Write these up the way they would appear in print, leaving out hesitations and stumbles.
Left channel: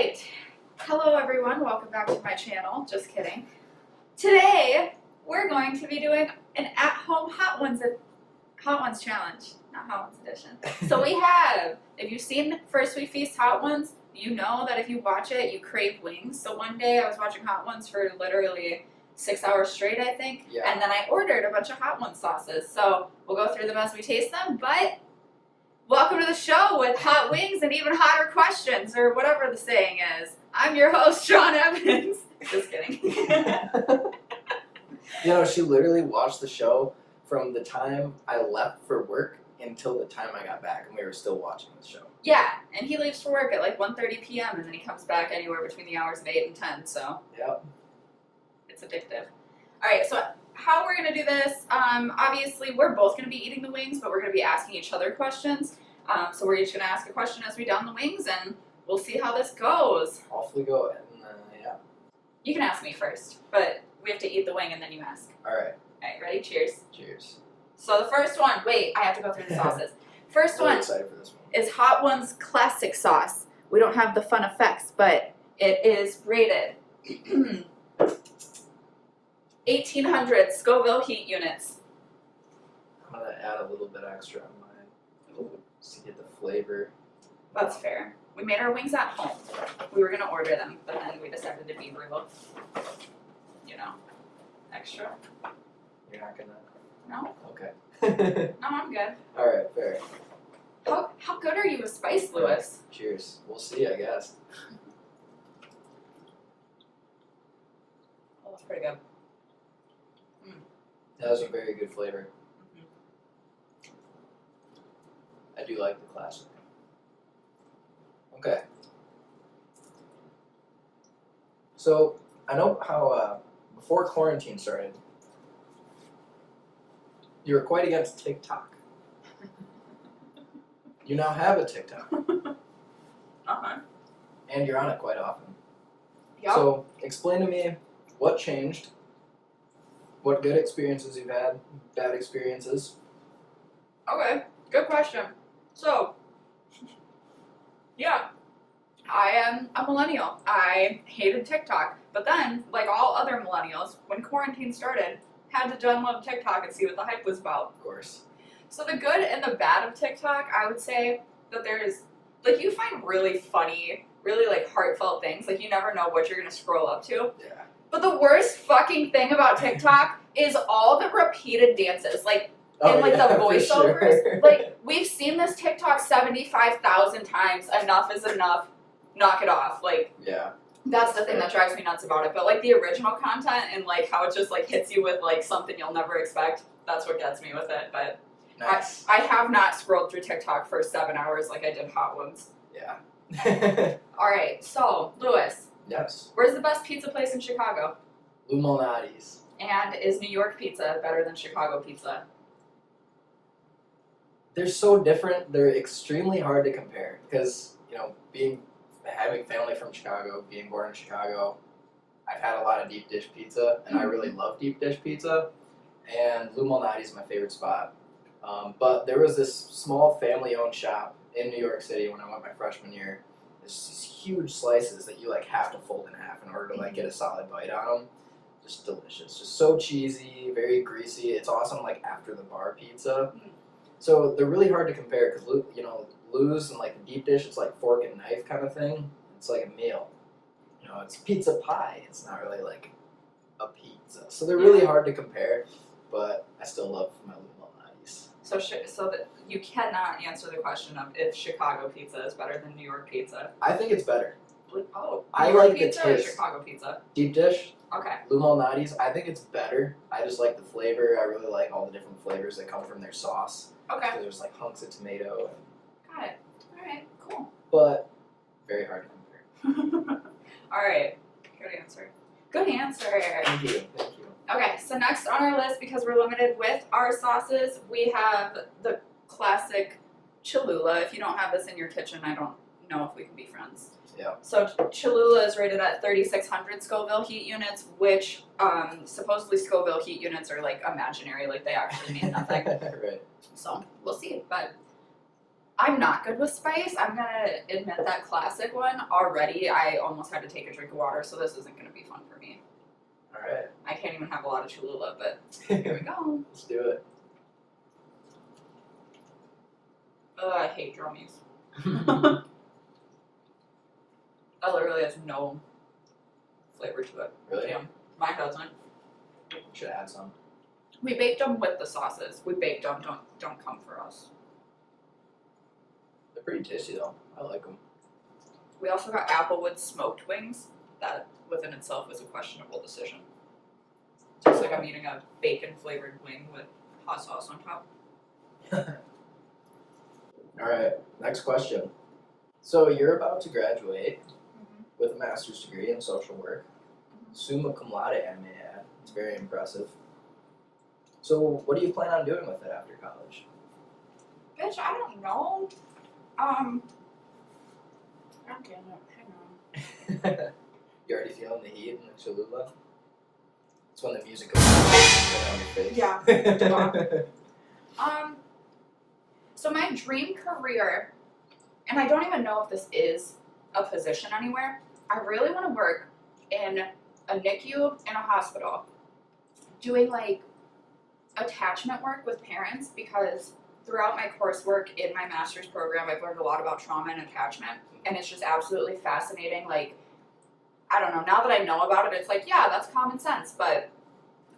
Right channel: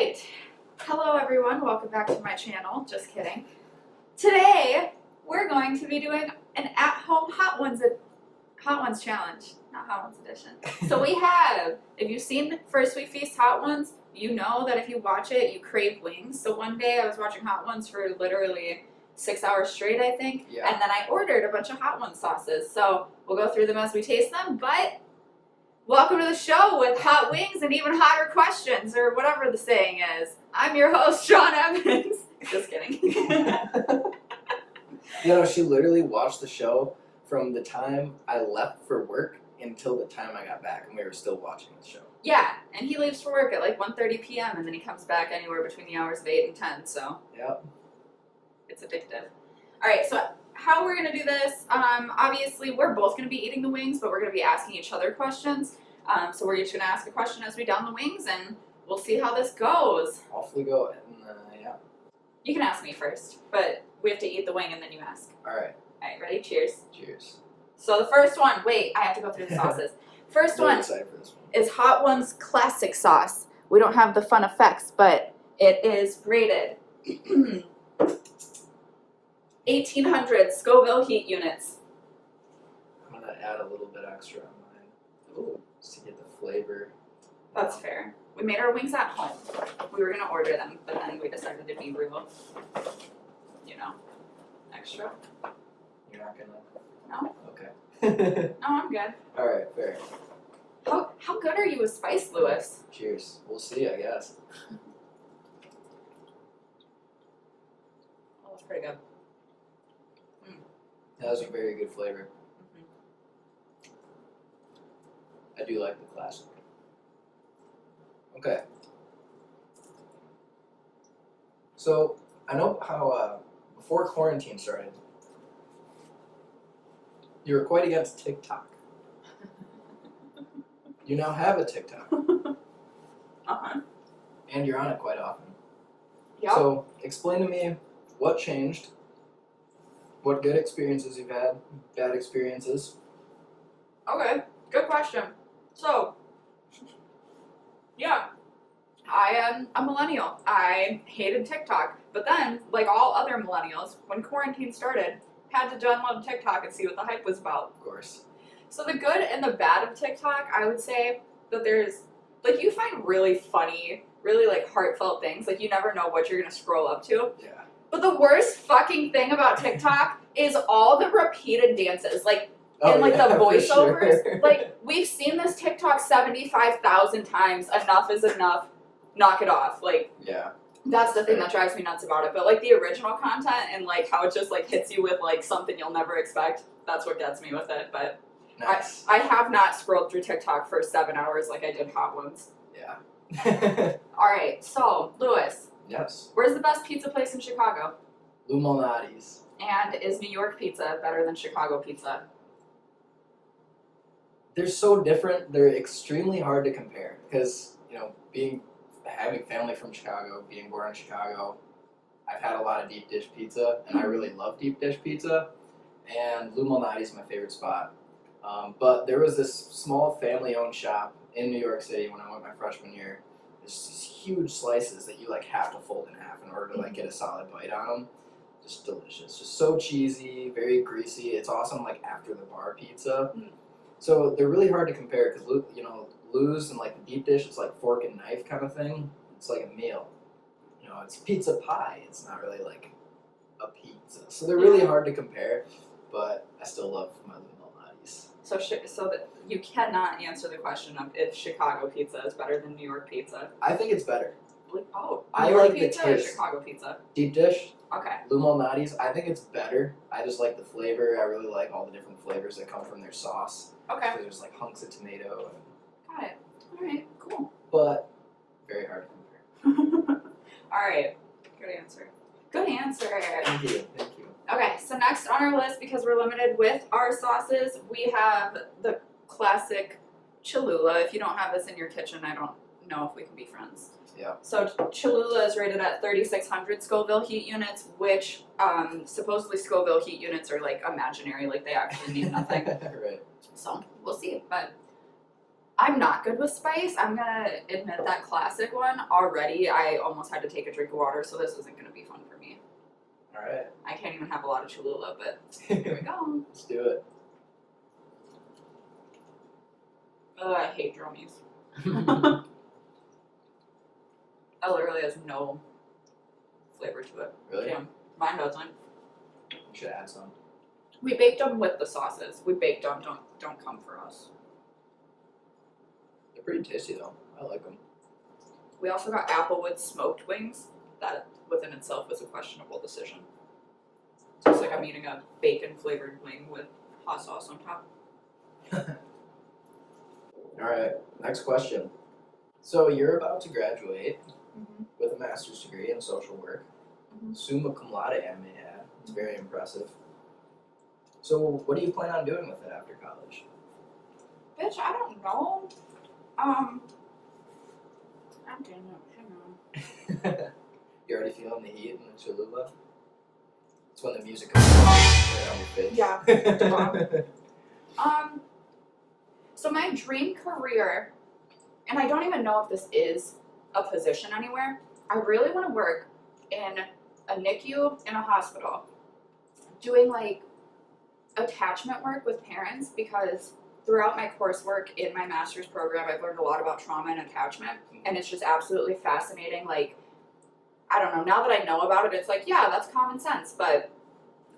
right. Hello everyone, welcome back to my channel. Just kidding. Today we're going to be doing an at-home Hot Ones challenge, not Hot Ones edition. So we have, if you've seen First We Feast Hot Ones, you know that if you watch it, you crave wings. So one day I was watching Hot Ones for literally 6 hours straight, I think. Yeah. And then I ordered a bunch of Hot Ones sauces. So we'll go through them as we taste them, but welcome to the show with hot wings and even hotter questions, or whatever the saying is. I'm your host, Sean Evans. Just kidding. You know, she literally watched the show from the time I left for work until the time I got back, and we were still watching the show. Yeah, and he leaves for work at like 1:30 p.m. and then he comes back anywhere between the hours of 8 and 10, so Yep. it's addictive. All right, so how we're going to do this, obviously we're both going to be eating the wings, but we're going to be asking each other questions. So we're each going to ask a question as we down the wings, and we'll see how this goes. Off we go, and yeah. You can ask me first, but we have to eat the wing and then you ask. All right. All right, ready? Cheers. Cheers. So the first one, wait, I have to go through the sauces. First Really one excited for this one. is Hot Ones classic sauce. We don't have the fun effects, but it is rated 1800 Scoville heat units. I'm gonna add a little bit extra on mine, just to get the flavor. That's fair. We made our wings at home. We were going to order them, but then we decided to be real, extra. You're not gonna. No? Okay. No, I'm good. All right. Fair. How good are you with spice, Lewis? Cheers. We'll see, I guess. Oh, that's pretty good. That was a very good flavor. I do like the classic. Okay. So, I know how, before quarantine started, you were quite against TikTok. You now have a TikTok, Uh-huh. and you're on it quite often. Yep. So, explain to me what changed, what good experiences you've had, bad experiences. Okay, good question. So, yeah, I am a millennial. I hated TikTok. But then, like all other millennials, when quarantine started, had to download TikTok and see what the hype was about. Of course. So the good and the bad of TikTok, I would say that there's, like, you find really funny, really, like, heartfelt things. Like, you never know what you're going to scroll up to. Yeah. But the worst fucking thing about TikTok is all the repeated dances. Like, and like the for voiceovers, sure. like we've seen this TikTok 75,000 times. Enough is enough. Knock it off. Like Yeah. that's the thing that drives me nuts about it. But like the original content and like how it just like hits you with like something you'll never expect. That's what gets me with it. But Nice. I have not scrolled through TikTok for 7 hours like I did Hot Ones. Yeah. All right. So Lewis, Yes. where's the best pizza place in Chicago? Lou Malnati's. And is New York pizza better than Chicago pizza? They're so different. They're extremely hard to compare because, you know, having family from Chicago, being born in Chicago, I've had a lot of deep dish pizza, and I really love deep dish pizza. And Lou Malnati's is my favorite spot. But there was this small family-owned shop in New York City when I went my freshman year. There's these huge slices that you like have to fold in half in order to like get a solid bite on them. Just delicious. Just so cheesy, very greasy. It's awesome like after the bar pizza. So they're really hard to compare because, you know, Lou's and like the deep dish, it's like fork and knife kind of thing. It's like a meal. You know, it's pizza pie. It's not really like a pizza. So they're really hard to compare, but I still love my Lou Malnati's. So that you cannot answer the question of if Chicago pizza is better than New York pizza. I think it's better. Oh, I New York like the pizza or taste. Chicago pizza? Deep dish, Okay. Lou Malnati's, I think it's better. I just like the flavor. I really like all the different flavors that come from their sauce. Okay. There's like hunks of tomato, Got it. All right. Cool. but very hard to compare. All right. Good answer. Good answer. Thank you. Thank you. Okay. So next on our list, because we're limited with our sauces, we have the classic Cholula. If you don't have this in your kitchen, I don't know if we can be friends. Yeah. So Cholula is rated at 3,600 Scoville heat units, which supposedly Scoville heat units are like imaginary, like they actually mean nothing. Right. So we'll see. But I'm not good with spice. I'm gonna admit that classic one already. I almost had to take a drink of water, so this isn't gonna be fun for me. All right. I can't even have a lot of Cholula, but here we go. Let's do it. I hate drummies. That literally has no flavor to it. Really? Yeah, mine doesn't. We should add some. We baked them with the sauces. We baked them. Don't come for us. They're pretty tasty though. I like them. We also got Applewood smoked wings. That within itself was a questionable decision. Tastes like I'm eating a bacon flavored wing with hot sauce on top. All right. Next question. So you're about to graduate Mm-hmm. with a master's degree in social work, Mhm. summa cum laude, I may add. It's very impressive. So what do you plan on doing with it after college? Bitch, I don't know. God damn it, hang on. You already feeling the heat in the Cholula? It's when the music goes right on your face. Yeah. So my dream career, and I don't even know if this is a position anywhere, I really want to work in a NICU in a hospital doing like attachment work with parents, because throughout my coursework in my master's program I've learned a lot about trauma and attachment, and it's just absolutely fascinating. Like, I don't know, now that I know about it, it's like, yeah, that's common sense, but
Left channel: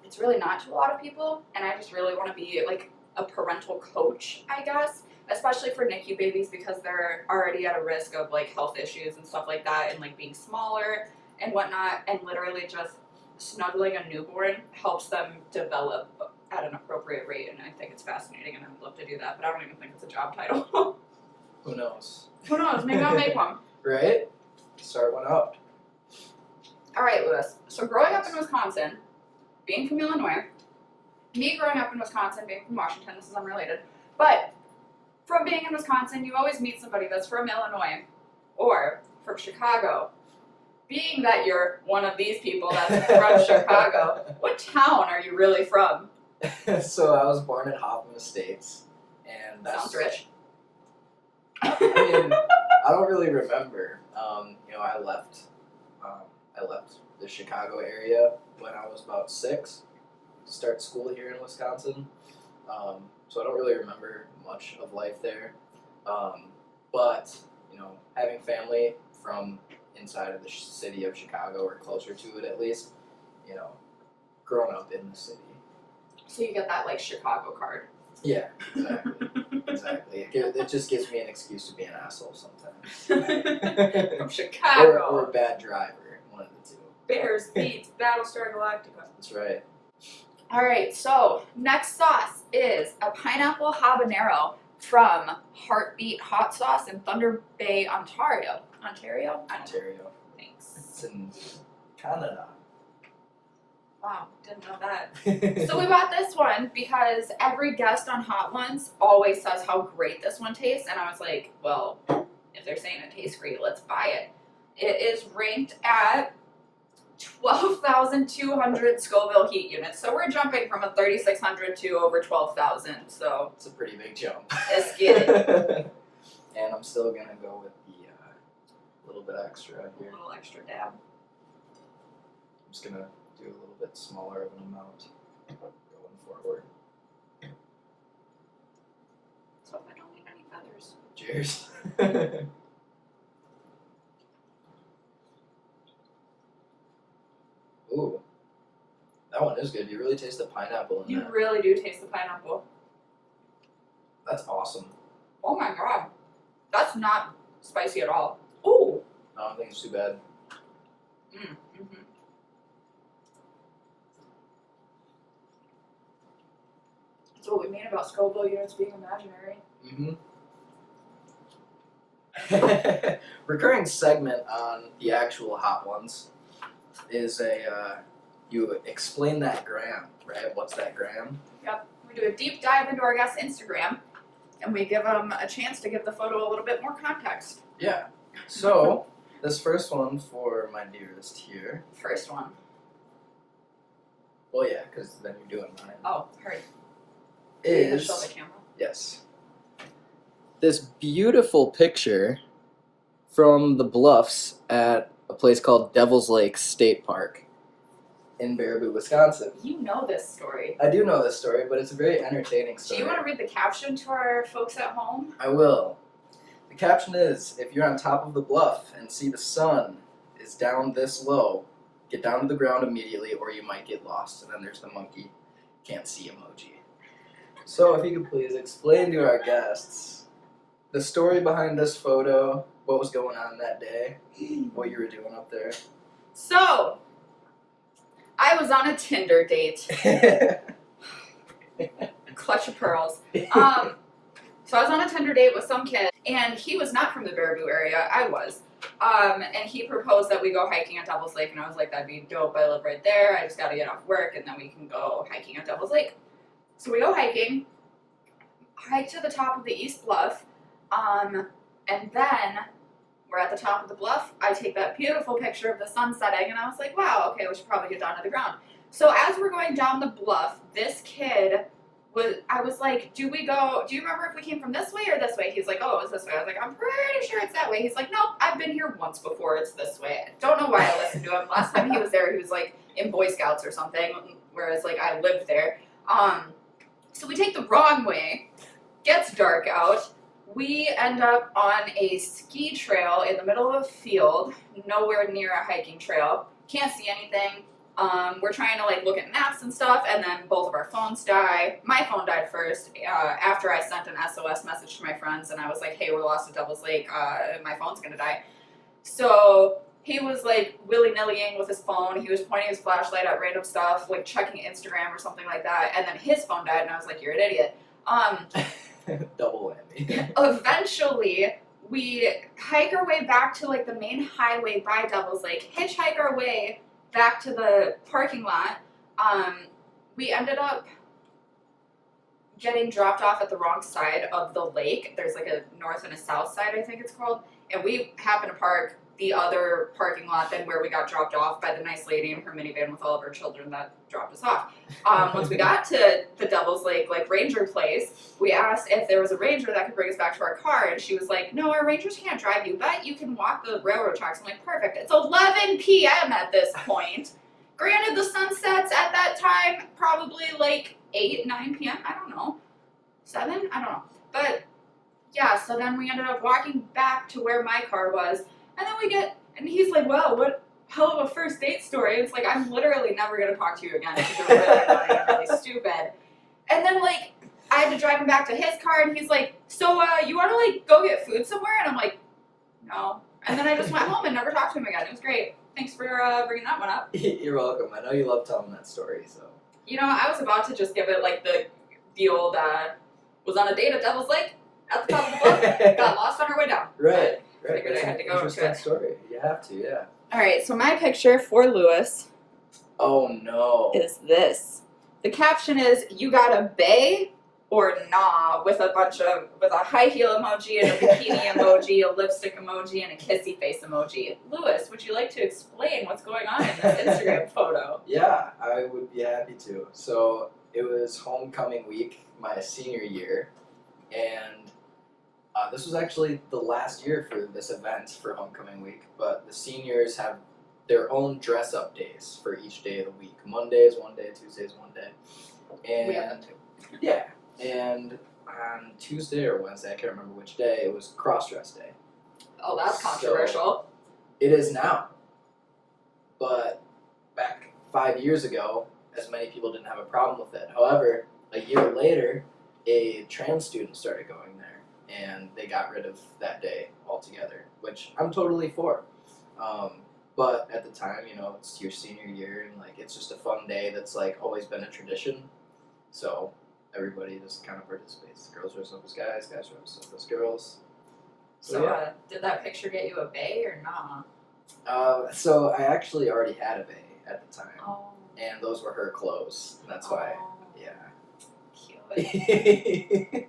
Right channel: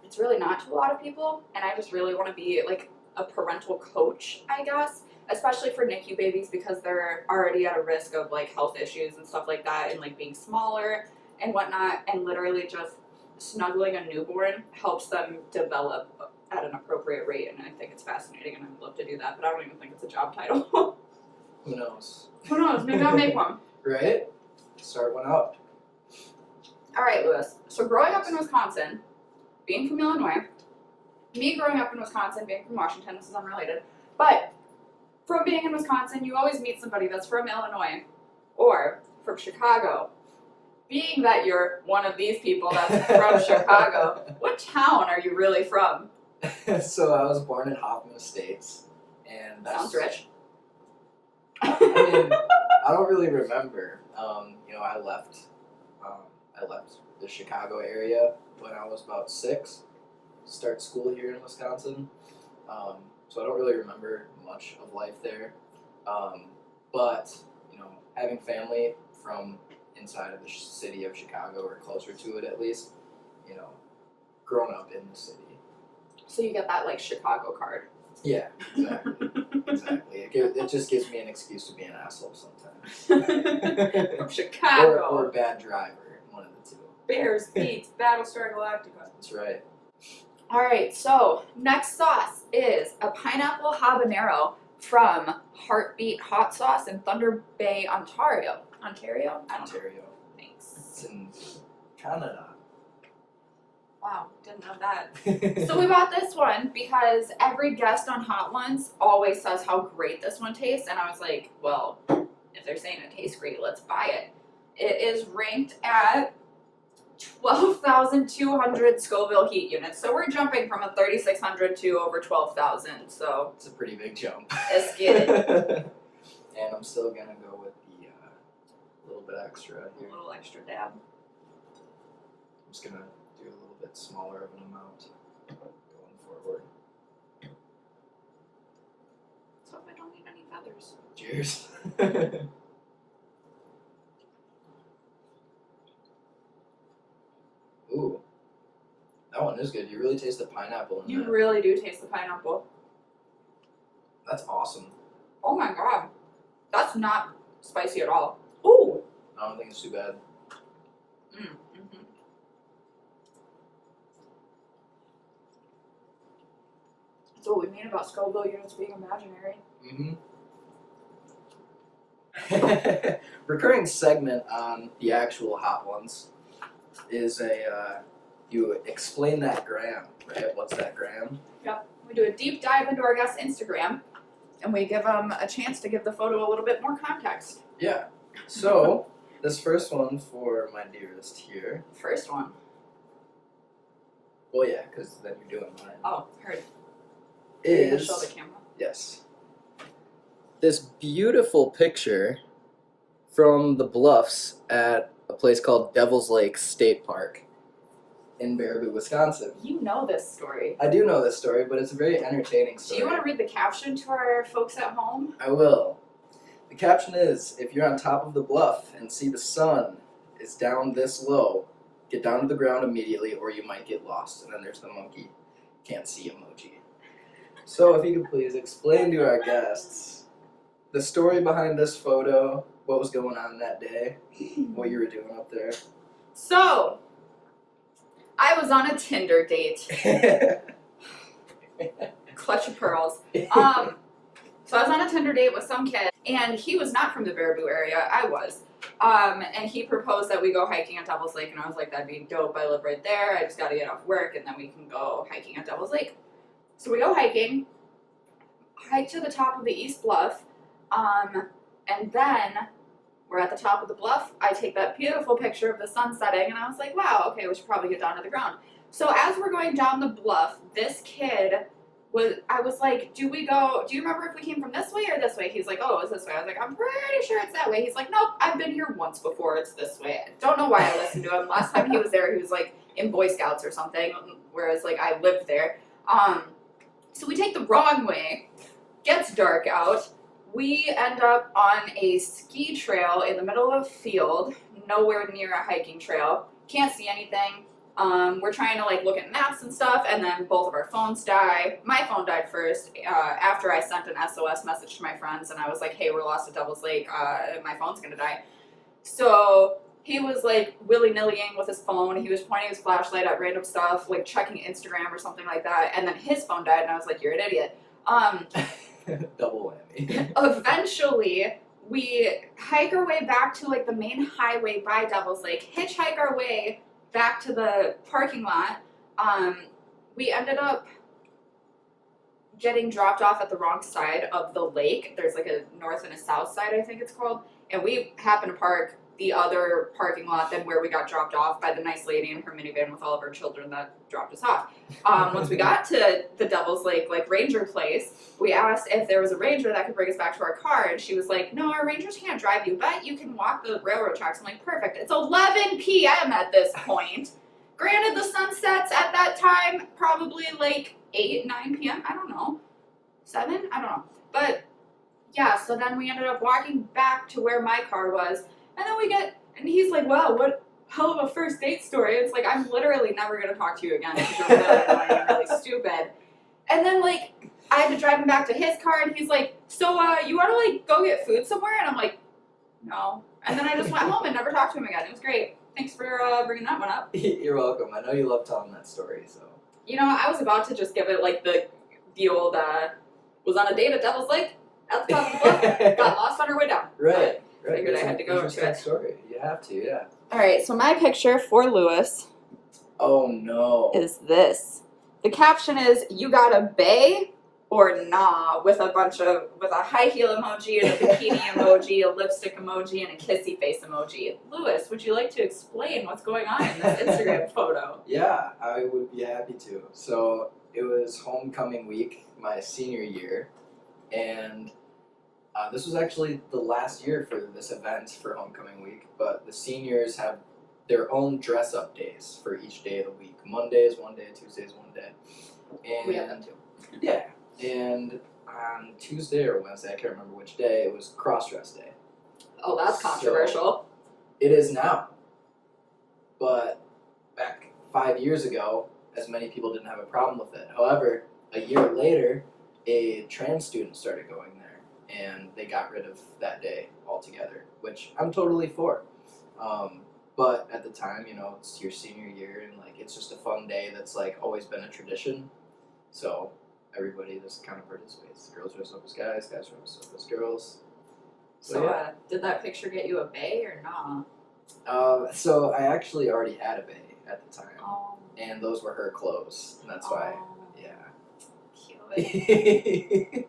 it's really not to a lot of people, and I just really want to be like a parental coach, I guess, especially for NICU babies, because they're already at a risk of like health issues and stuff like that, and like being smaller and whatnot, and literally just snuggling a newborn helps them develop at an appropriate rate, and I think it's fascinating, and I would love to do that, but I don't even think it's a job title. Who knows? Who knows, maybe I'll make one. Right? Start one out. Alright, Lewis, so growing up in Wisconsin, being from Illinois, me growing up in Wisconsin, being from Washington, this is unrelated, but from being in Wisconsin, you always meet somebody that's from Illinois or from Chicago. Being that you're one of these people that's from Chicago, what town are you really from? So I was born in Hoffman Estates, and that's Sounds rich. I mean, I don't really remember. I left the Chicago area when I was about 6 to start school here in Wisconsin. So I don't really remember much of life there. But having family from inside of the city of Chicago, or closer to it at least, growing up in the city. So you get that like Chicago card. Yeah, exactly. Exactly. It just gives me an excuse to be an asshole sometimes. From Chicago. Or a bad driver, one of the two. Bears beats Battlestar Galactica. That's right. Alright, so next sauce is a pineapple habanero from Heartbeat Hot Sauce in Thunder Bay, Ontario. Ontario? I don't know. Ontario. Thanks. It's in Canada. Wow, didn't know that. So we bought this one because every guest on Hot Ones always says how great this one tastes, and I was like, well, if they're saying it tastes great, let's buy it. It is ranked at 12,200 Scoville heat units, so we're jumping from a 3,600 to over 12,000, so It's a pretty big jump. let's get it. And I'm still gonna go with the little bit extra A here. little extra dab. I'm just gonna do a little bit smaller of an amount going forward. So if I don't need any feathers. Cheers. Ooh, that one is good. You really taste the pineapple in You that. really do taste the pineapple. That's awesome. Oh my god. That's not spicy at all. Ooh. I don't think it's too bad. Mm-hmm. That's what we mean about Scoville units being imaginary. Mm-hmm. Recurring segment on the actual Hot Ones is you explain that gram, right? What's that gram? We do a deep dive into our guest's Instagram, and we give them a chance to give the photo a little bit more context. Yeah. So this first one for my dearest here. First one. Well, yeah, because then you're doing mine. Oh, heard. You Is show the camera. yes. this beautiful picture from the bluffs at a place called Devil's Lake State Park in Baraboo, Wisconsin. You know this story. I do know this story, but it's a very entertaining Do story. you want to read the caption to our folks at home? I will. The caption is, if you're on top of the bluff and see the sun is down this low, get down to the ground immediately or you might get lost. And then there's the monkey can't see emoji. So if you could please explain to our guests the story behind this photo, what was going on that day, what you were doing up there. So, I was on a Tinder date. Clutch of pearls. So I was on a Tinder date with some kid, and he was not from the Baraboo area. I was. And he proposed that we go hiking at Devil's Lake, and I was like, that'd be dope. I live right there. I just got to get off work, and then we can go hiking at Devil's Lake. So we go hiking, hike to the top of the East Bluff, and then we're at the top of the bluff. I take that beautiful picture of the sun setting, and I was like, wow, okay, we should probably get down to the ground. So as we're going down the bluff, this kid I was like, do you remember if we came from this way or this way? He's like, oh, it's this way. I was like, I'm pretty sure it's that way. He's like, nope, I've been here once before, it's this way. I don't know why I listened to him. Last time he was there, he was like in Boy Scouts or something, whereas like I lived there. So we take the wrong way, gets dark out. We end up on a ski trail in the middle of a field, nowhere near a hiking trail. Can't see anything. We're trying to like look at maps and stuff, and then both of our phones die. My phone died first after I sent an SOS message to my friends, and I was like, hey, we're lost at Devil's Lake, my phone's gonna die. So he was like willy-nillying with his phone. He was pointing his flashlight at random stuff, like checking Instagram or something like that, and then his phone died, and I was like, you're an idiot. Double whammy. Eventually, we hike our way back to like the main highway by Devil's Lake, hitchhike our way back to the parking lot. We ended up getting dropped off at the wrong side of the lake. There's like a north and a south side, I think it's called. And we happened to park the other parking lot than where we got dropped off by the nice lady in her minivan with all of our children that dropped us off. Once we got to the Devil's Lake like ranger place, we asked if there was a ranger that could bring us back to our car, and she was like, no, our rangers can't drive you, but you can walk the railroad tracks. I'm like, perfect. It's 11 p.m. at this point. Granted, the sun sets at that time probably like 8, 9 p.m. I don't know. 7? I don't know. But yeah, so then we ended up walking back to where my car was, and then and he's like, wow, what hell of a first date story. It's like, I'm literally never going to talk to you again because you're really annoying and really stupid. And then, like, I had to drive him back to his car, and he's like, so, you want to, like, go get food somewhere? And I'm like, no. And then I just went home and never talked to him again. It was great. Thanks for bringing that one up. You're welcome. I know you love telling that story, so. You know, I was about to just give it, like, the old, was on a date at Devil's Lake at the top of the bluff, got lost on our way down. Right. Figured That's I had to an go interesting into it. story. You have to, yeah. All right, so my picture for Lewis Oh no. is this. The caption is, you got a bae or nah, with a high heel emoji and a bikini emoji, a lipstick emoji, and a kissy face emoji. Lewis, would you like to explain what's going on in this Instagram photo? Yeah, I would be happy to. So it was homecoming week, my senior year, and this was actually the last year for this event for homecoming week, but the seniors have their own dress-up days for each day of the week. Monday is one day, Tuesday is one day. And We have them too. yeah, and on Tuesday or Wednesday, I can't remember which day, it was cross-dress day. Oh, that's So- controversial. It is now. But back 5 years ago, as many people didn't have a problem with it. However, a year later, a trans student started going there, and they got rid of that day altogether, which I'm totally for. But at the time, you know, it's your senior year, and like it's just a fun day that's like always been a tradition. So everybody just kind of participates. The girls dress up as guys, guys dress up as girls. So, yeah. did that picture get you a bae or nah? So I actually already had a bae at the time, Oh. and those were her clothes. And that's why, Oh, yeah. cute.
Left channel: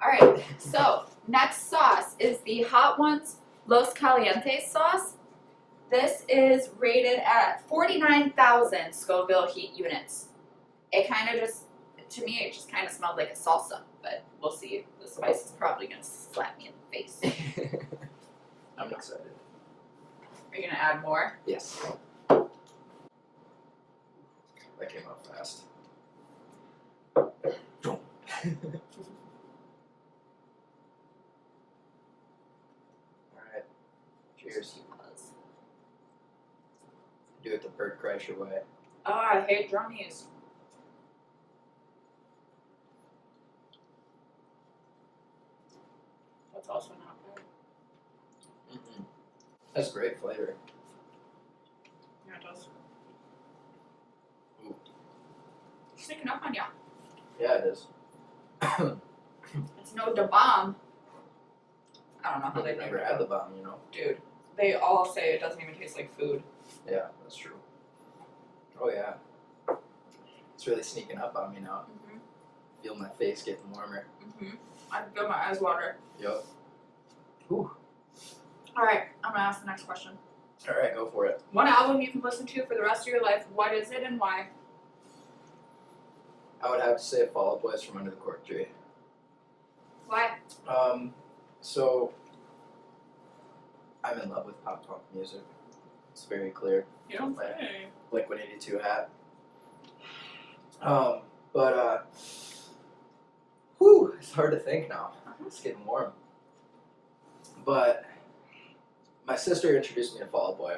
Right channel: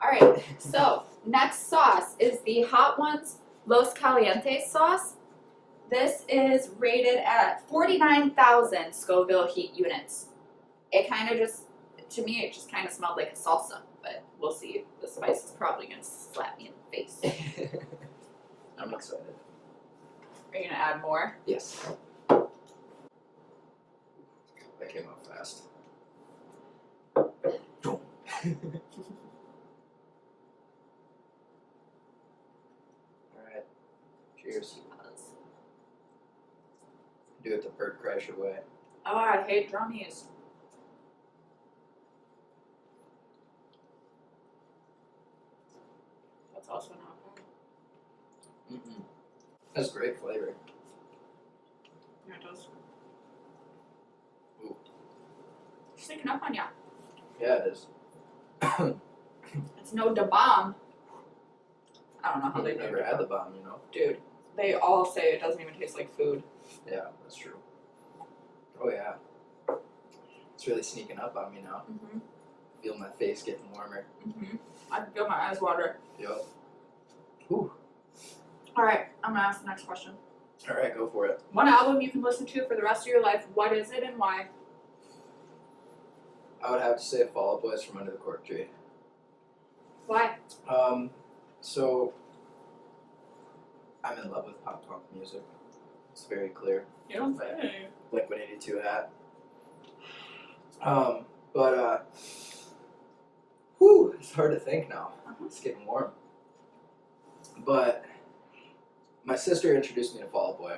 All right, so next sauce is the Hot Ones Los Calientes sauce. This is rated at 49,000 Scoville heat units. It kind of just, to me, it just kind of smelled like a salsa, but We'll see. The spice is probably gonna slap me in the face. I'm excited. Are you gonna add more? Yes. That came out fast. Alright. Cheers. Do it the Bert Kreischer way. Oh, I hate drummies. That's also not bad. That's great flavor. Yeah, it does. Ooh. Sneaking up on ya. Yeah, it is. It's no da bomb. I don't know how they I've never had the bomb, you know. Dude, they all say it doesn't even taste like food. Yeah, that's true. Oh yeah. It's really sneaking up on me now. Mm-hmm. Feel my face getting warmer. Mm-hmm. I can feel my eyes water. Yep. Whew. Alright, I'm gonna ask the next question. Alright, go for it. One album you can listen to for the rest of your life, what is it and why? I would have to say Fall Out Boys from Under the Cork Tree. Why? So I'm in love with pop punk music. It's very clear. You don't say. Blink-182 hat. Whew, it's hard to think now. It's getting warm. But my sister introduced me to Fall Out Boy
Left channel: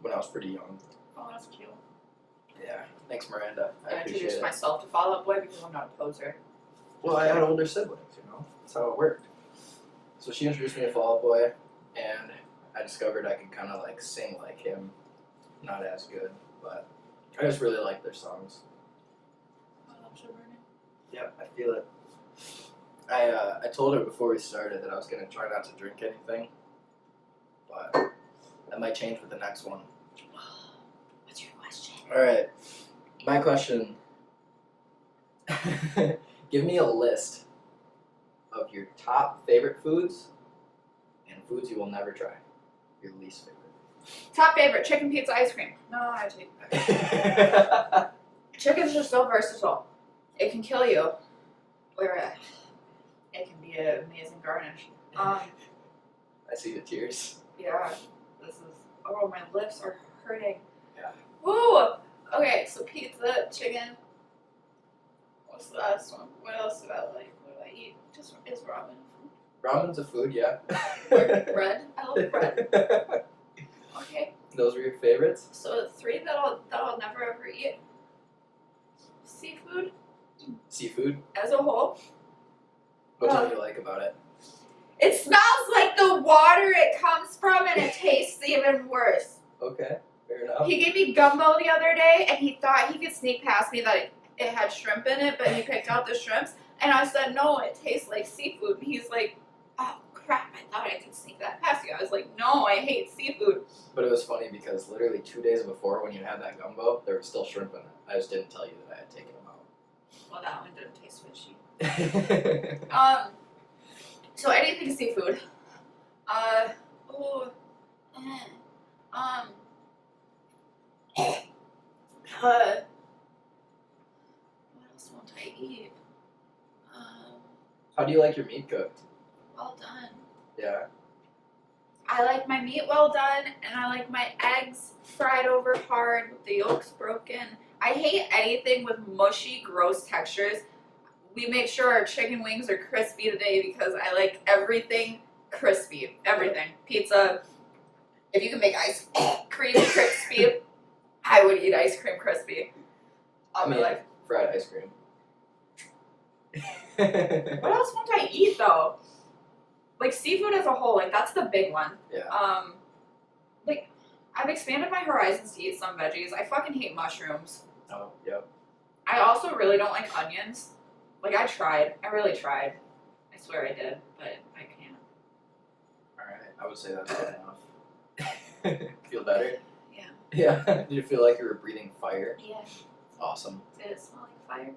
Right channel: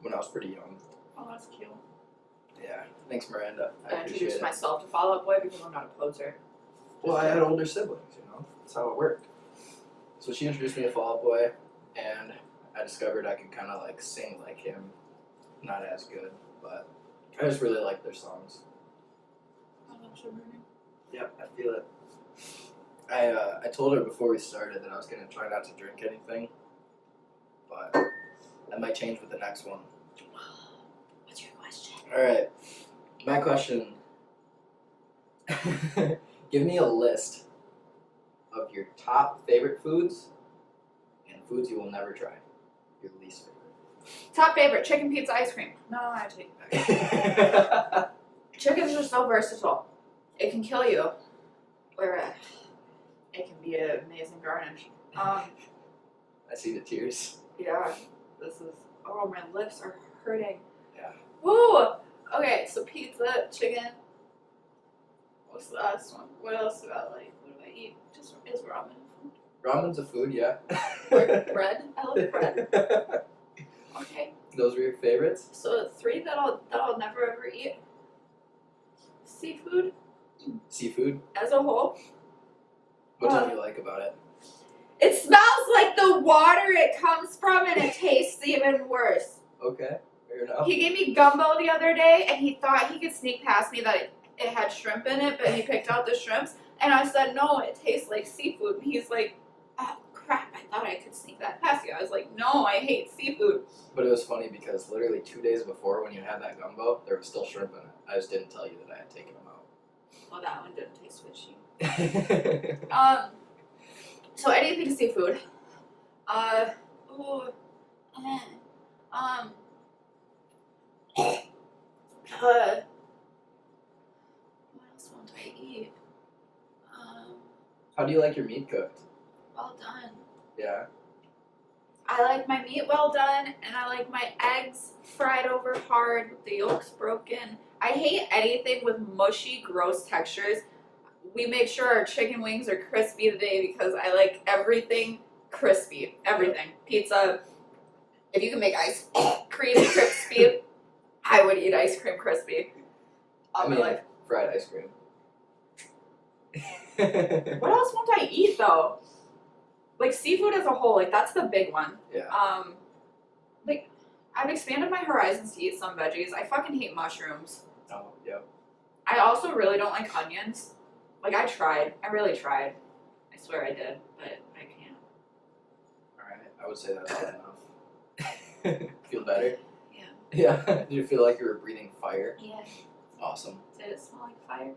when I was pretty young. Oh, that's cute. Yeah, thanks Miranda. I I appreciate introduced it. myself to Fall Out Boy because I'm not a closer. Well, I had older siblings, you know. That's how it worked. So she introduced me to Fall Out Boy, and I discovered I could kind of like sing like him. Not as good, but I just really like their songs. Oh, that's so burning. Yep, I feel it. I told her before we started that I was gonna try not to drink anything, but that might change with the next one. What's your question? All right, my question. Give me a list of your top favorite foods and foods you will never try. Your least favorite. Top favorite, chicken pizza ice cream. No, I take Chicken's just so versatile. It can kill you, or it can be an amazing garnish. I see the tears. Yeah, this is. Oh, my lips are hurting. Yeah. Woo! Okay, so pizza, chicken. What's the last one? What else do I like? What do I eat? Just is ramen. Ramen's a food, yeah. Bread. I love bread. Okay, Those were your favorites? so the three that I'll never ever eat. Seafood Seafood? as a whole. What don't you like about it? It smells like the water it comes from, and it tastes even worse. Okay, fair enough. He gave me gumbo the other day, and he thought he could sneak past me that it had shrimp in it, but he picked out the shrimps, and I said, no, it tastes like seafood. And he's like, oh, crap, I thought I could sneak that past you. I was like, no, I hate seafood. But it was funny because literally 2 days before when you had that gumbo, there was still shrimp in it. I just didn't tell you that I had taken them Well, that one didn't taste fishy. out. So anything seafood. What else won't I eat? How do you like your meat cooked? Well done. Yeah. I like my meat well done, and I like my eggs fried over hard with the yolks broken. I hate anything with mushy, gross textures. We make sure our chicken wings are crispy today because I like everything crispy. Everything. Pizza. If you can make ice cream crispy, I would eat ice cream crispy. I mean, fried ice cream. What else won't I eat though? Like seafood as a whole, like that's the big one. Yeah. Like I've expanded my horizons to eat some veggies. I fucking hate mushrooms. Oh, yep. I also really don't like onions. Like I tried. I really tried. I swear I did, but I can't. Alright, I would say that's good enough. Feel better? Yeah. Yeah. Did you feel like you were breathing fire? Yeah. Awesome. Did it smell like fire?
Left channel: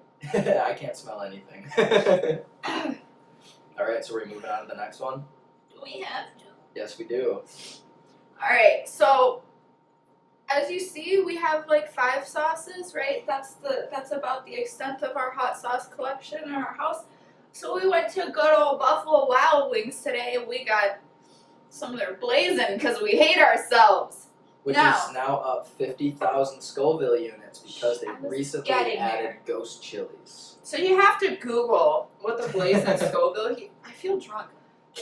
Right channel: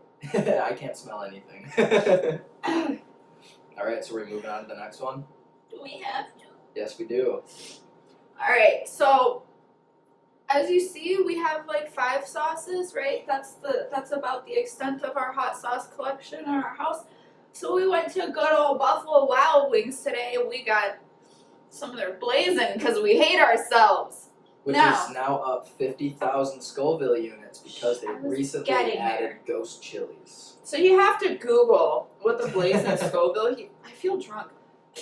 I can't smell anything. Alright, so we're moving on to the next one? Do we have to? Yes, we do. Alright, so as you see, we have like 5 sauces, right? That's about the extent of our hot sauce collection in our house. So we went to good old Buffalo Wild Wings today, and we got some of their blazing because we hate ourselves. Which Now- is now up 50,000 Scoville units because they I was recently getting added there. ghost chilies. So you have to Google what the blazing Scoville. I feel drunk.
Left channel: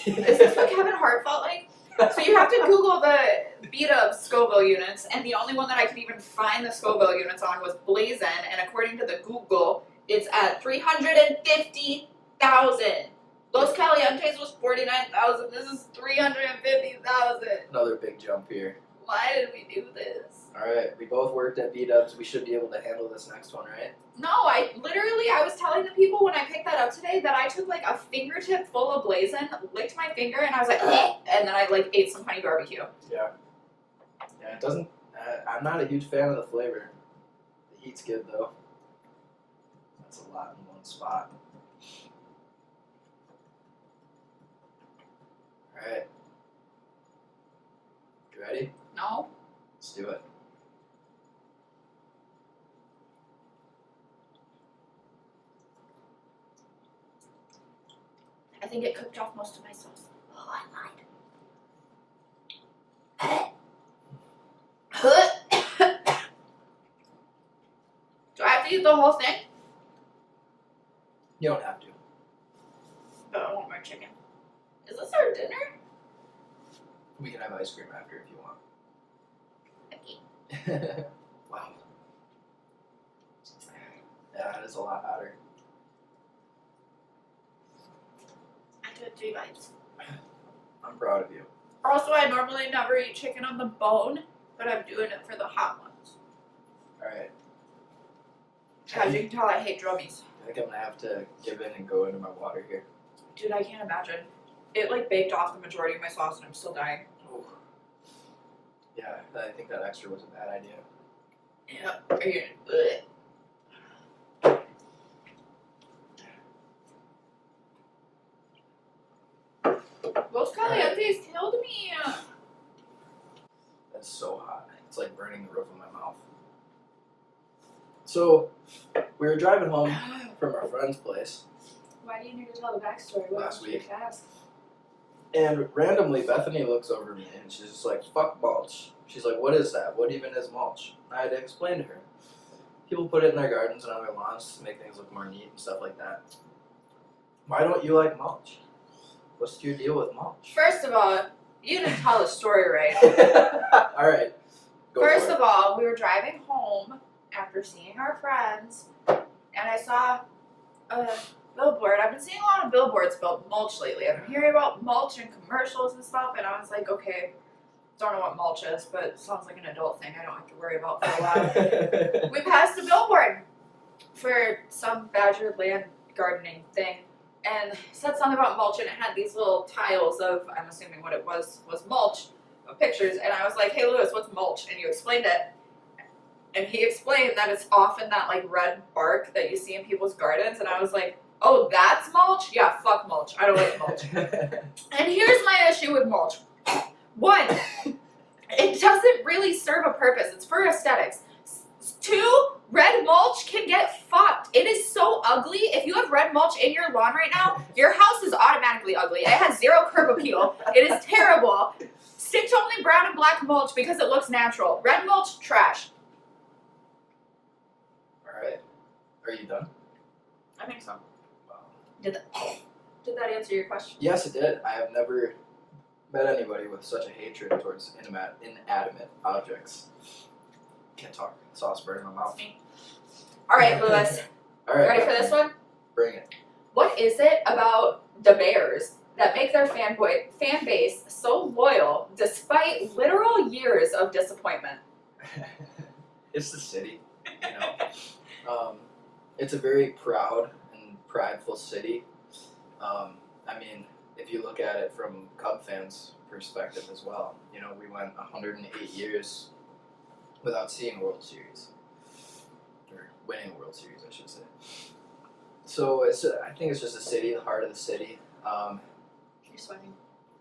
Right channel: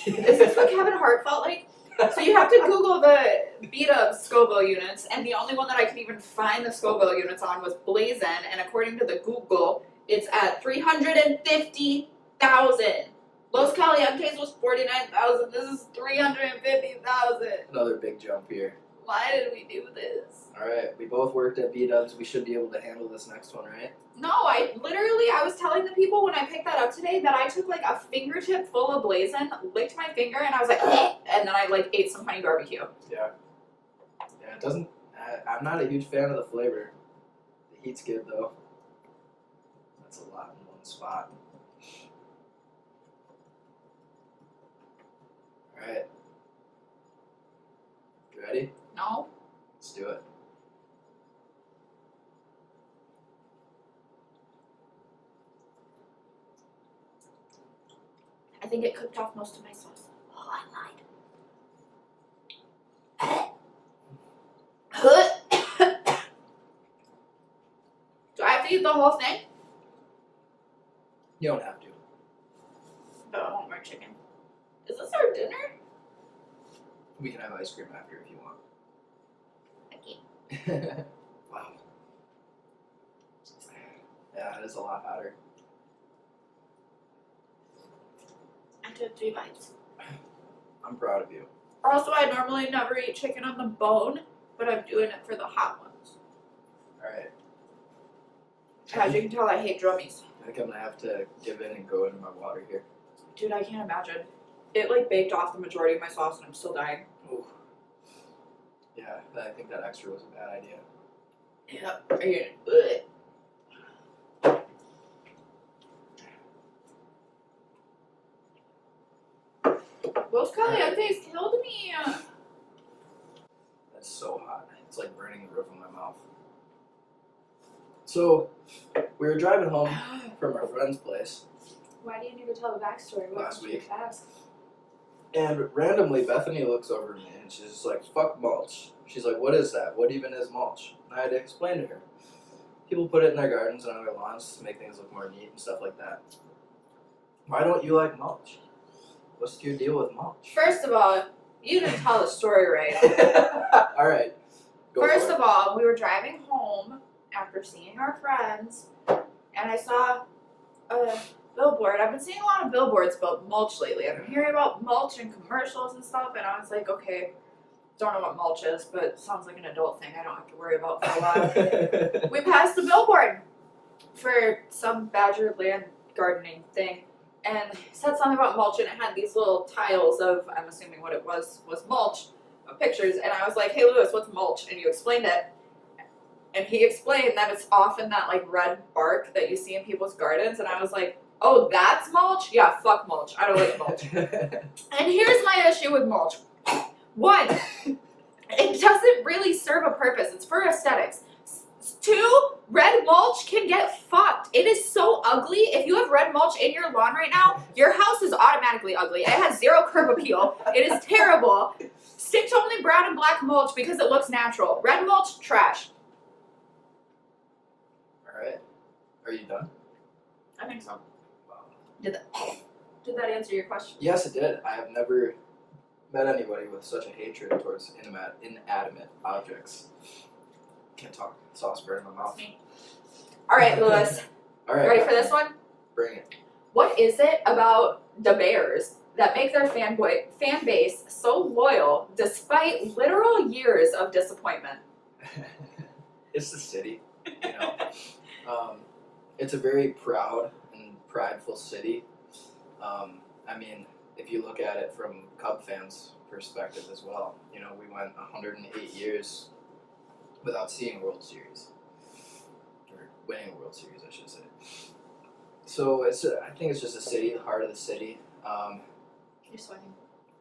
Is this what Kevin Hart felt like? So you have to Google the beat up Scoville units, and the only one that I could even find the Scoville units on was Blazin, and according to the Google, it's at 350,000. Los Calientes was 49,000. This is 350,000. Another big jump here. Why did we do this? Alright, we both worked at B-Dubs. We should be able to handle this next one, right? No, I was telling the people when I picked that up today that I took like a fingertip full of Blazin, licked my finger, and I was like, eh, and then I like ate some honey barbecue. Yeah. Yeah, it doesn't. I'm not a huge fan of the flavor. The heat's good though. That's a lot in one spot. Alright. You ready? No? Let's do it. I think it cooked off most of my sauce. Oh, I lied. Do I have to eat the whole thing? You don't have to. But I want more chicken. Is this our dinner? We can have ice cream after if you want. Okay. Wow. Yeah, it is a lot hotter. I took 3 bites. I'm proud of you. Also, I normally never eat chicken on the bone, but I'm doing it for the hot ones. Alright. As you can tell, I hate drummies. I think I'm gonna have to give in and go into my water here. Dude, I can't imagine. It like baked off the majority of my sauce and I'm still dying. Ooh. Yeah, I think that extra was a bad idea. Yeah. Los Calientes killed me. That's so hot. It's like burning the roof of my mouth. So, we were driving home from our friend's place, Why do you need to tell the backstory? What Last was week. fast? and randomly Bethany looks over at me and she's just like, fuck mulch. She's like, what is that? What even is mulch? And I had to explain to her. People put it in their gardens and on their lawns to make things look more neat and stuff like that. Why don't you like mulch? What's your deal with mulch? First of all, you didn't tell the story right. Alright. First of all, we were driving home after seeing our friends, and I saw a billboard. I've been seeing a lot of billboards about mulch lately. I've been hearing about mulch in commercials and stuff, and I was like, okay, don't know what mulch is, but it sounds like an adult thing I don't have to worry about for a while. We passed a billboard for some Badger land gardening thing, and it said something about mulch, and it had these little tiles of, I'm assuming what it was mulch, of pictures, and I was like, hey Lewis, what's mulch? And you explained it. And he explained that it's often that like red bark that you see in people's gardens, and I was like, oh, that's mulch? Yeah, fuck mulch. I don't like mulch. And here's my issue with mulch. One, it doesn't really serve a purpose. It's for aesthetics. 2, red mulch can get fucked. It is so ugly. If you have red mulch in your lawn right now, your house is automatically ugly. It has 0 curb appeal. It is terrible. Stick to only brown and black mulch because it looks natural. Red mulch, trash. Alright. Are you done? I think so. Wow. Did that answer your question? Yes, it did. I have never met anybody with such a hatred towards inanimate objects. Can't talk. Sauce burning my mouth. All right, Lewis. Alright. Ready for this one? Bring it. What is it about the Bears that make their fan base so loyal despite literal years of disappointment? It's the city, you know. It's a very proud and prideful city. I mean, if you look at it from Cub fans' perspective as well, you know, we went 108 years without seeing a World Series. Or winning a World Series, I should say. So I think it's just a city, the heart of the city. You're sweating.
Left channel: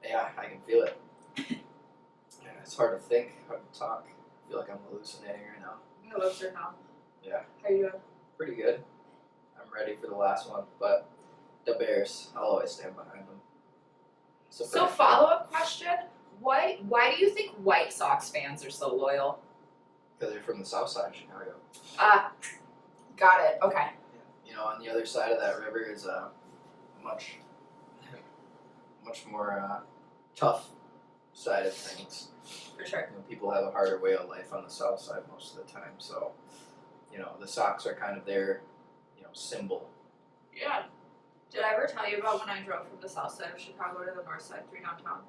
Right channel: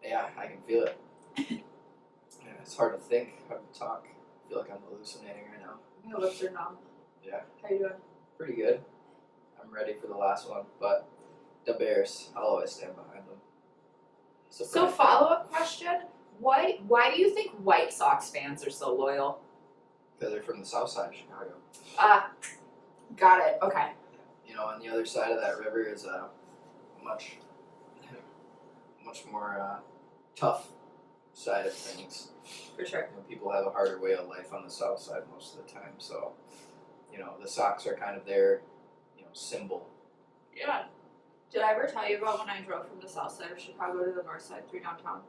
Yeah, I can feel it. Yeah, it's hard to think, hard to talk. I feel like I'm hallucinating right now. My lips are numb. Yeah. How are you doing? Pretty good. I'm ready for the last one, but The Bears. I'll always stand behind them. So follow-up question, why do you think White Sox fans are so loyal? Because they're from the south side of Chicago. Got it, okay. You know, on the other side of that river is a much more tough side of things. For sure. You know, people have a harder way of life on the south side most of the time. So, you know, the Sox are kind of their, symbol. Yeah. Did I ever tell you about when I drove from the south side of Chicago to the north side through downtown?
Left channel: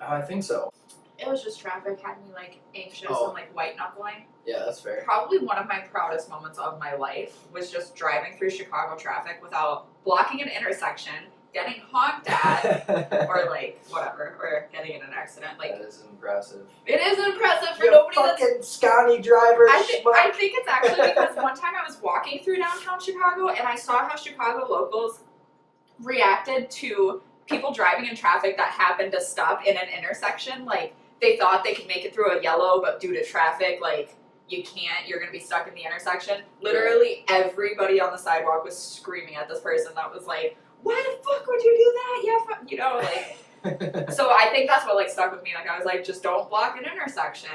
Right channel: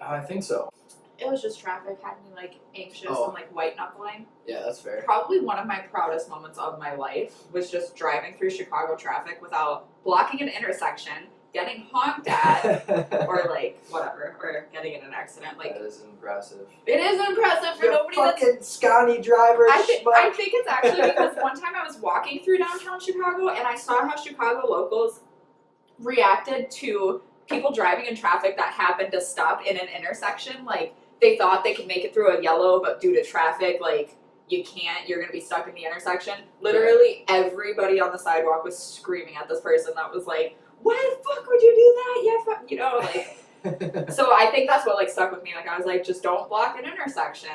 I think so. It was just traffic had me like anxious Oh. and like white knuckling. Yeah, that's fair. Probably one of my proudest moments of my life was just driving through Chicago traffic without blocking an intersection, getting honked at, or like whatever, or getting in an accident. Like That is impressive. it is impressive for nobody that's scrawny driver. I think it's actually because one time I was walking through downtown Chicago and I saw how Chicago locals reacted to people driving in traffic that happened to stop in an intersection. Like, they thought they could make it through a yellow, but due to traffic, like, you can't, you're gonna be stuck in the intersection. Literally everybody on the sidewalk was screaming at this person that was like, why the fuck would you do that? Like, so I think that's what, like, stuck with me. Like, I was like, just don't block an intersection.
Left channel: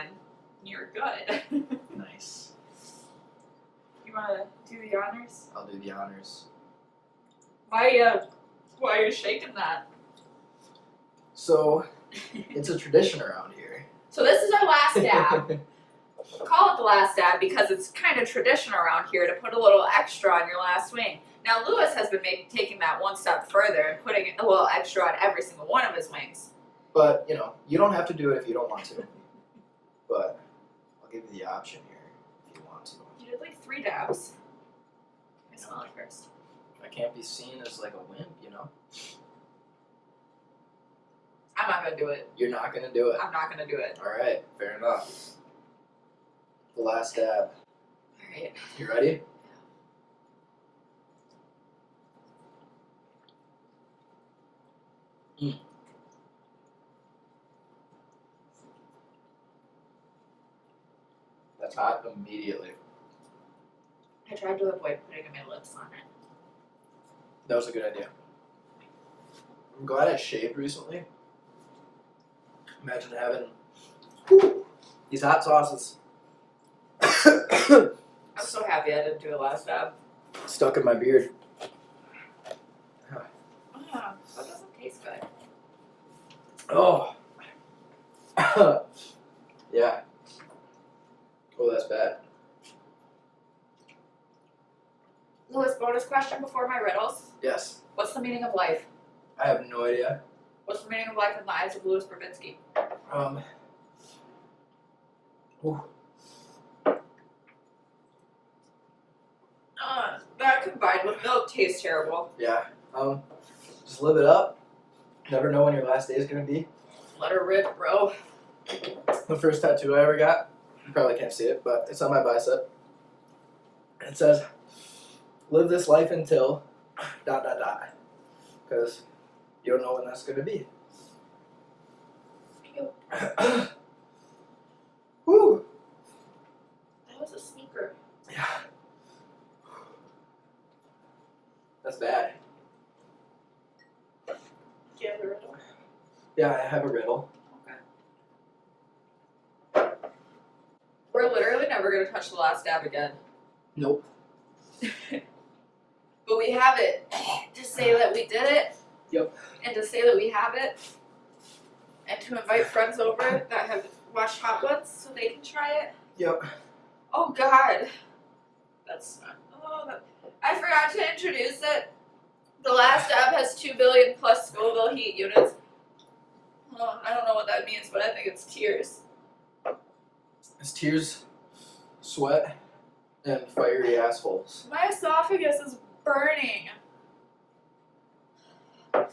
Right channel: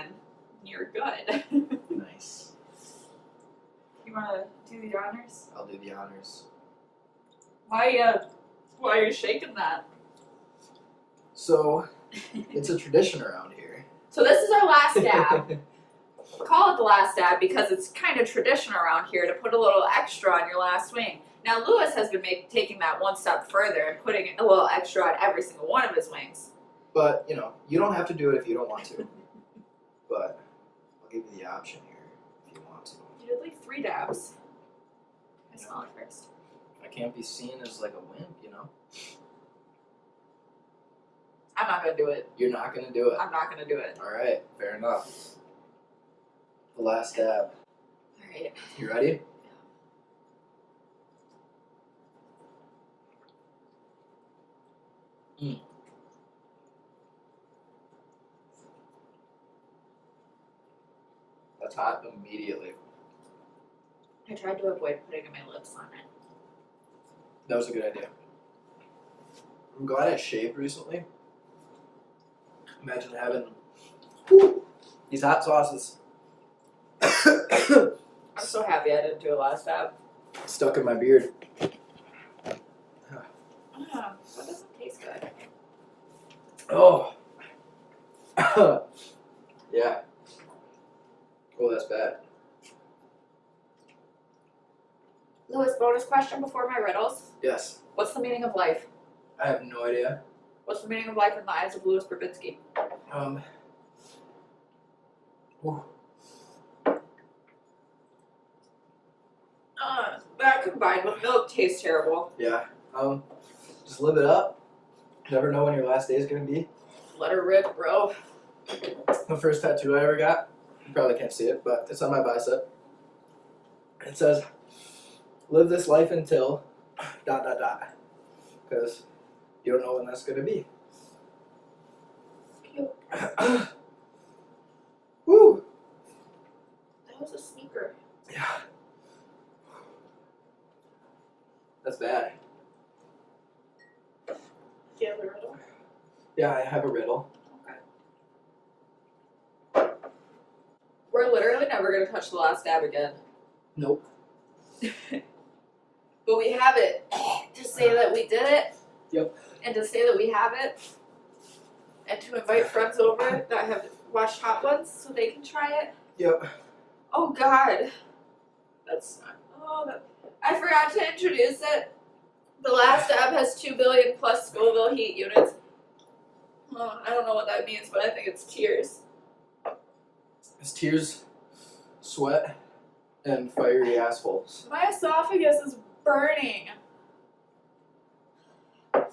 You're good. Nice. You wanna do the honors? I'll do the honors. Why are you shaking that? So, it's a tradition around here. So this is our last dab. Call it the last dab because it's kind of tradition around here to put a little extra on your last wing. Now Lewis has been taking that one step further and putting a little extra on every single one of his wings. But, you don't have to do it if you don't want to. But I'll give you the option here if you want to. You did like 3 dabs. I I know. smell it first. I can't be seen as like a wimp, I'm not gonna do it. You're not gonna do it. I'm not gonna do it. Alright, fair enough. The last dab. Alright. You ready? That's hot immediately. I tried to avoid putting my lips on it. That was a good idea. I'm glad I shaved recently. Imagine having these hot sauces I'm so happy I didn't do a last dab. stuck in my beard. That doesn't taste good. Oh. Yeah. Oh, that's bad. Lewis, bonus question before my riddles. Yes. What's the meaning of life? I have no idea. What's the meaning of life in the eyes of Louis Babinski? Ooh. That combined with milk tastes terrible. Yeah. Just live it up. Never know when your last day is gonna be. Let her rip, bro. The first tattoo I ever got, you probably can't see it, but it's on my bicep. It says, live this life until ... Because you don't know when that's gonna be. Cute. Woo! That was a sneaker. Yeah. That's bad. Do you have a riddle? Yeah, I have a riddle. We're literally never gonna touch the last dab again. Nope. But we have it to say that we did it. Yep. And to say that we have it. And to invite friends over that have watched Hot Ones so they can try it. Yep. Oh God. I forgot to introduce it. The last dab has 2 billion plus Scoville heat units. Oh, I don't know what that means, but I think it's tears. It's tears, sweat, and fiery assholes. My esophagus is burning. The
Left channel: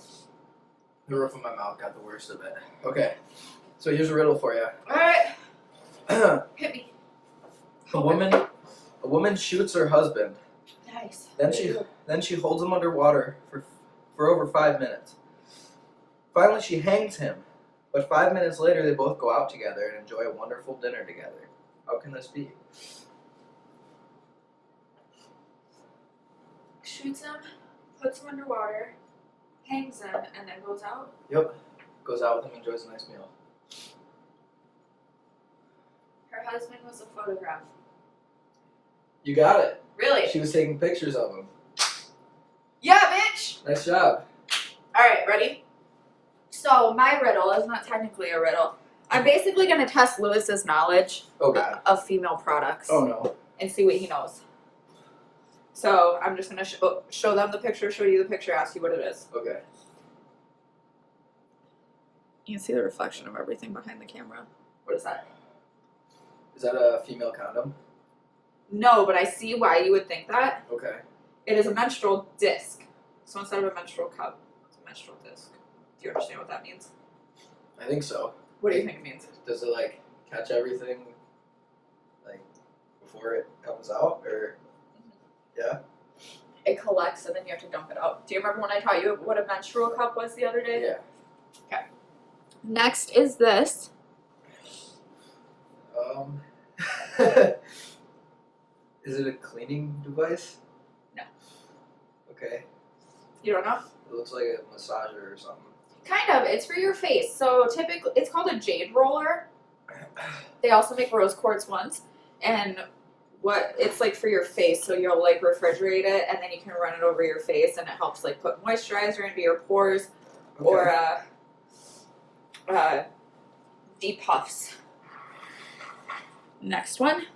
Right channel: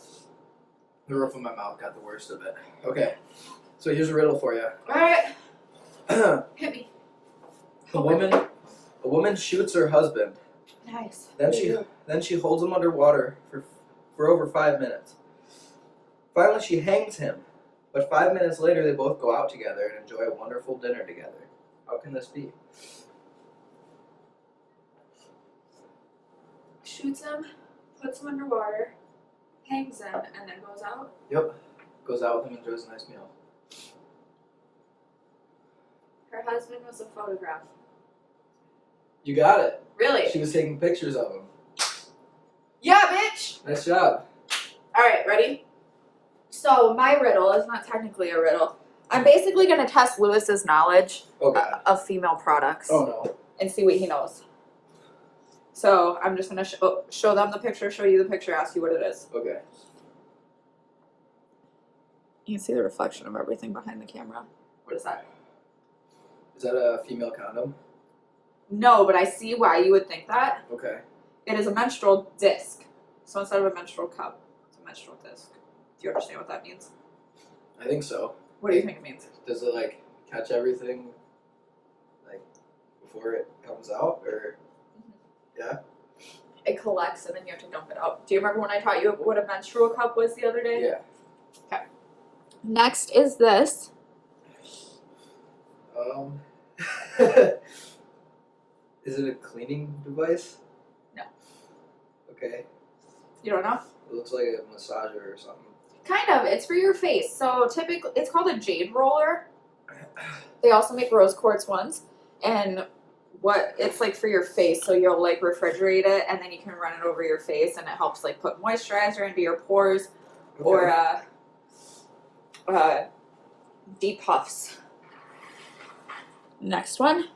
roof of my mouth got the worst of it. Okay, so here's a riddle for you. Alright, A hit me. woman shoots her husband. Nice. Then she holds him underwater for over 5 minutes. Finally, she hangs him. But 5 minutes later, they both go out together and enjoy a wonderful dinner together. How can this be? Shoots him, puts him underwater, hangs him, and then goes out. Yep. Goes out with him, enjoys a nice meal. Her husband was a photograph. You got it. Really? She was taking pictures of him. Yeah, bitch! Nice job. Alright, ready? So, my riddle is not technically a riddle. I'm basically going to test Lewis's knowledge Okay. of female products Oh no. and see what he knows. So, I'm just going to show them the picture, show you the picture, ask you what it is. Okay. You can see the reflection of everything behind the camera. What is that? Is that a female condom? No, but I see why you would think that. Okay. It is a menstrual disc. So instead of a menstrual cup, it's a menstrual disc. Do you understand what that means? I think so. What do you think it means? Does it like catch everything like before it comes out, or yeah? It collects and then you have to dump it out. Do you remember when I taught you what a menstrual cup was the other day? Yeah. Next is this. Is it a cleaning device? No. Okay. You don't know? It looks like a massager or something. Kind of. It's for your face. So typically, it's called a jade roller. They also make rose quartz ones, and what it's like for your face. So you'll like refrigerate it, and then you can run it over your face, and it helps like put moisturizer into your pores or depuffs. Next one.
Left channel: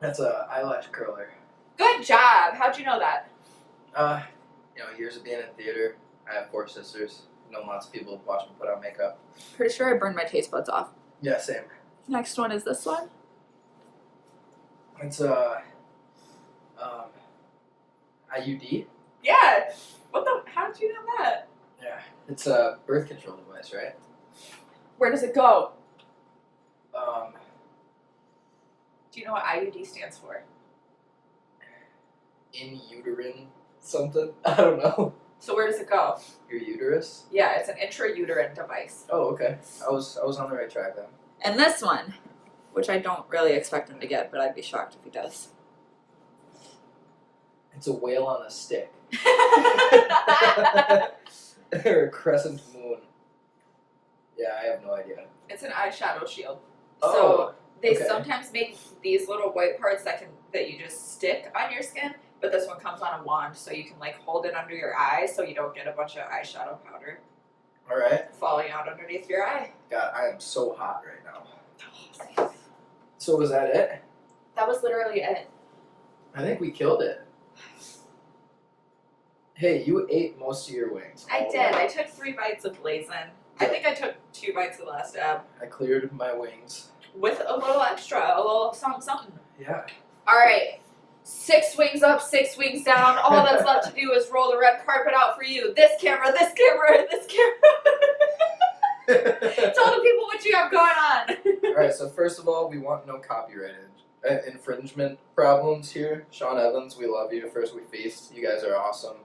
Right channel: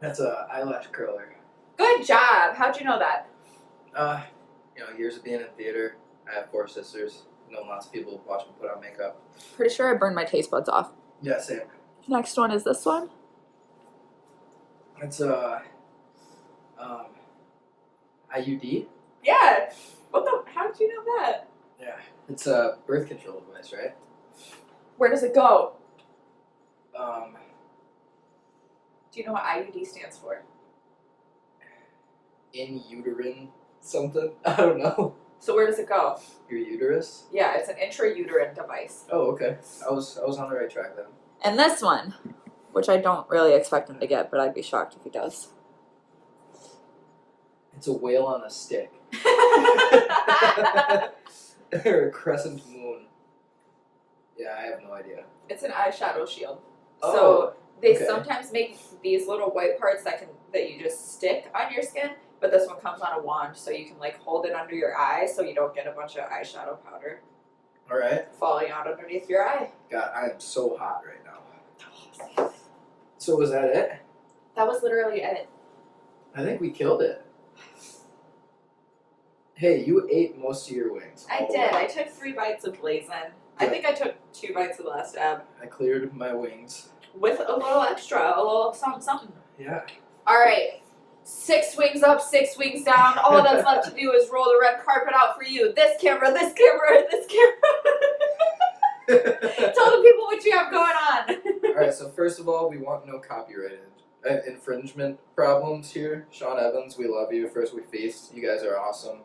That's a eyelash curler. Good job. How'd you know that? Years of being in theater. I have 4 sisters. Know lots of people watch me put on makeup. Pretty sure I burned my taste buds off. Yeah, same. Next one is this one. It's IUD. Yeah. What the? How did you know that? Yeah. It's a birth control device, right? Where does it go? Do you know what IUD stands for? In uterine something. I don't know. So where does it go? Your uterus. Yeah, it's an intrauterine device. Oh, okay. I was on the right track then. And this one, which I don't really expect him to get, but I'd be shocked if he does. It's a whale on a stick. Or a crescent moon. Yeah, I have no idea. It's an eyeshadow shield. Oh, So they okay. sometimes make these little white parts that you just stick on your skin, but this one comes on a wand, so you can like hold it under your eye, so you don't get a bunch of eyeshadow powder All right. falling out underneath your eye. God, I am so hot right now. So was that it? That was literally it. I think we killed it. Hey, you ate most of your wings. I All did. right. I took 3 bites of blazing. I think I took 2 bites of the last dab I cleared my wings. with a little extra, a little something. Yeah. All right. 6 wings up, 6 wings down. All that's left to do is roll the red carpet out for you. This camera, this camera, and this camera. Tell the people what you have going on. Alright, so first of all, we want no copyright infringement problems here. Sean Evans, we love you. First We Feast, you guys are awesome.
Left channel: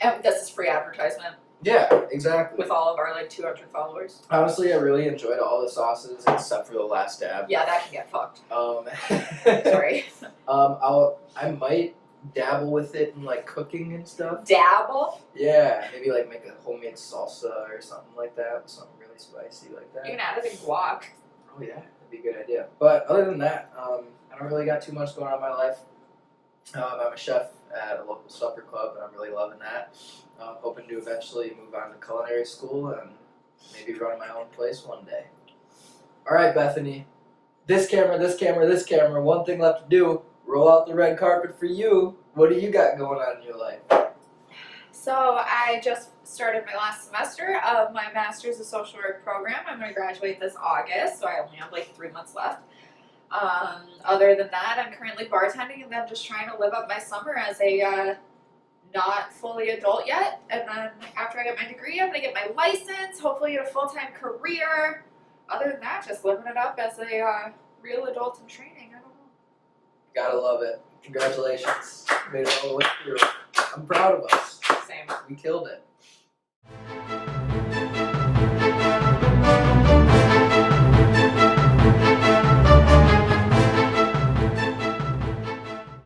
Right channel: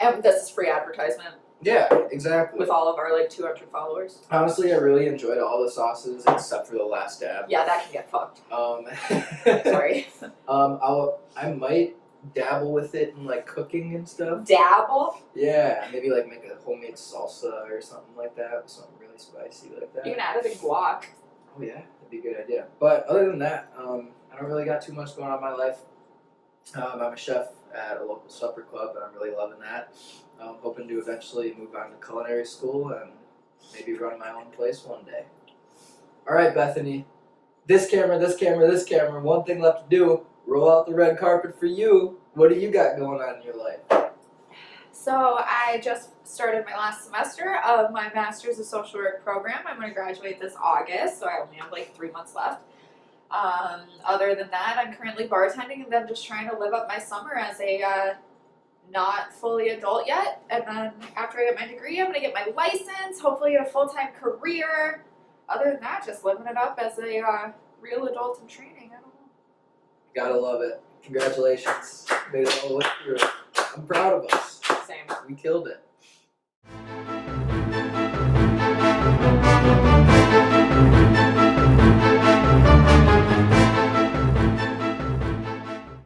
And this is free advertisement Yeah, exactly. with all of our like 200 followers. Honestly, I really enjoyed all the sauces except for the last dab. Yeah, that can get fucked. Sorry. Sorry. I might dabble with it in like cooking and stuff. Dabble. Yeah, maybe like make a homemade salsa or something like that, something really spicy like that. You can add it in guac. Oh yeah, that'd be a good idea. But other than that, I don't really got too much going on in my life. I'm a chef at a local supper club, and I'm really loving that. I'm hoping to eventually move on to culinary school and maybe run my own place one day. All right, Bethany. This camera, this camera, this camera. One thing left to do. Roll out the red carpet for you. What do you got going on in your life? So I just started my last semester of my Master's of Social Work program. I'm going to graduate this August, so I only have like 3 months left. Other than that, I'm currently bartending and then just trying to live up my summer as a not fully adult yet. And then after I get my degree, I'm going to get my license, hopefully get a full-time career. Other than that, just living it up as a real adult in training. I don't know. Gotta love it. Congratulations. Made it all the way through. I'm proud of us. Same. We killed it.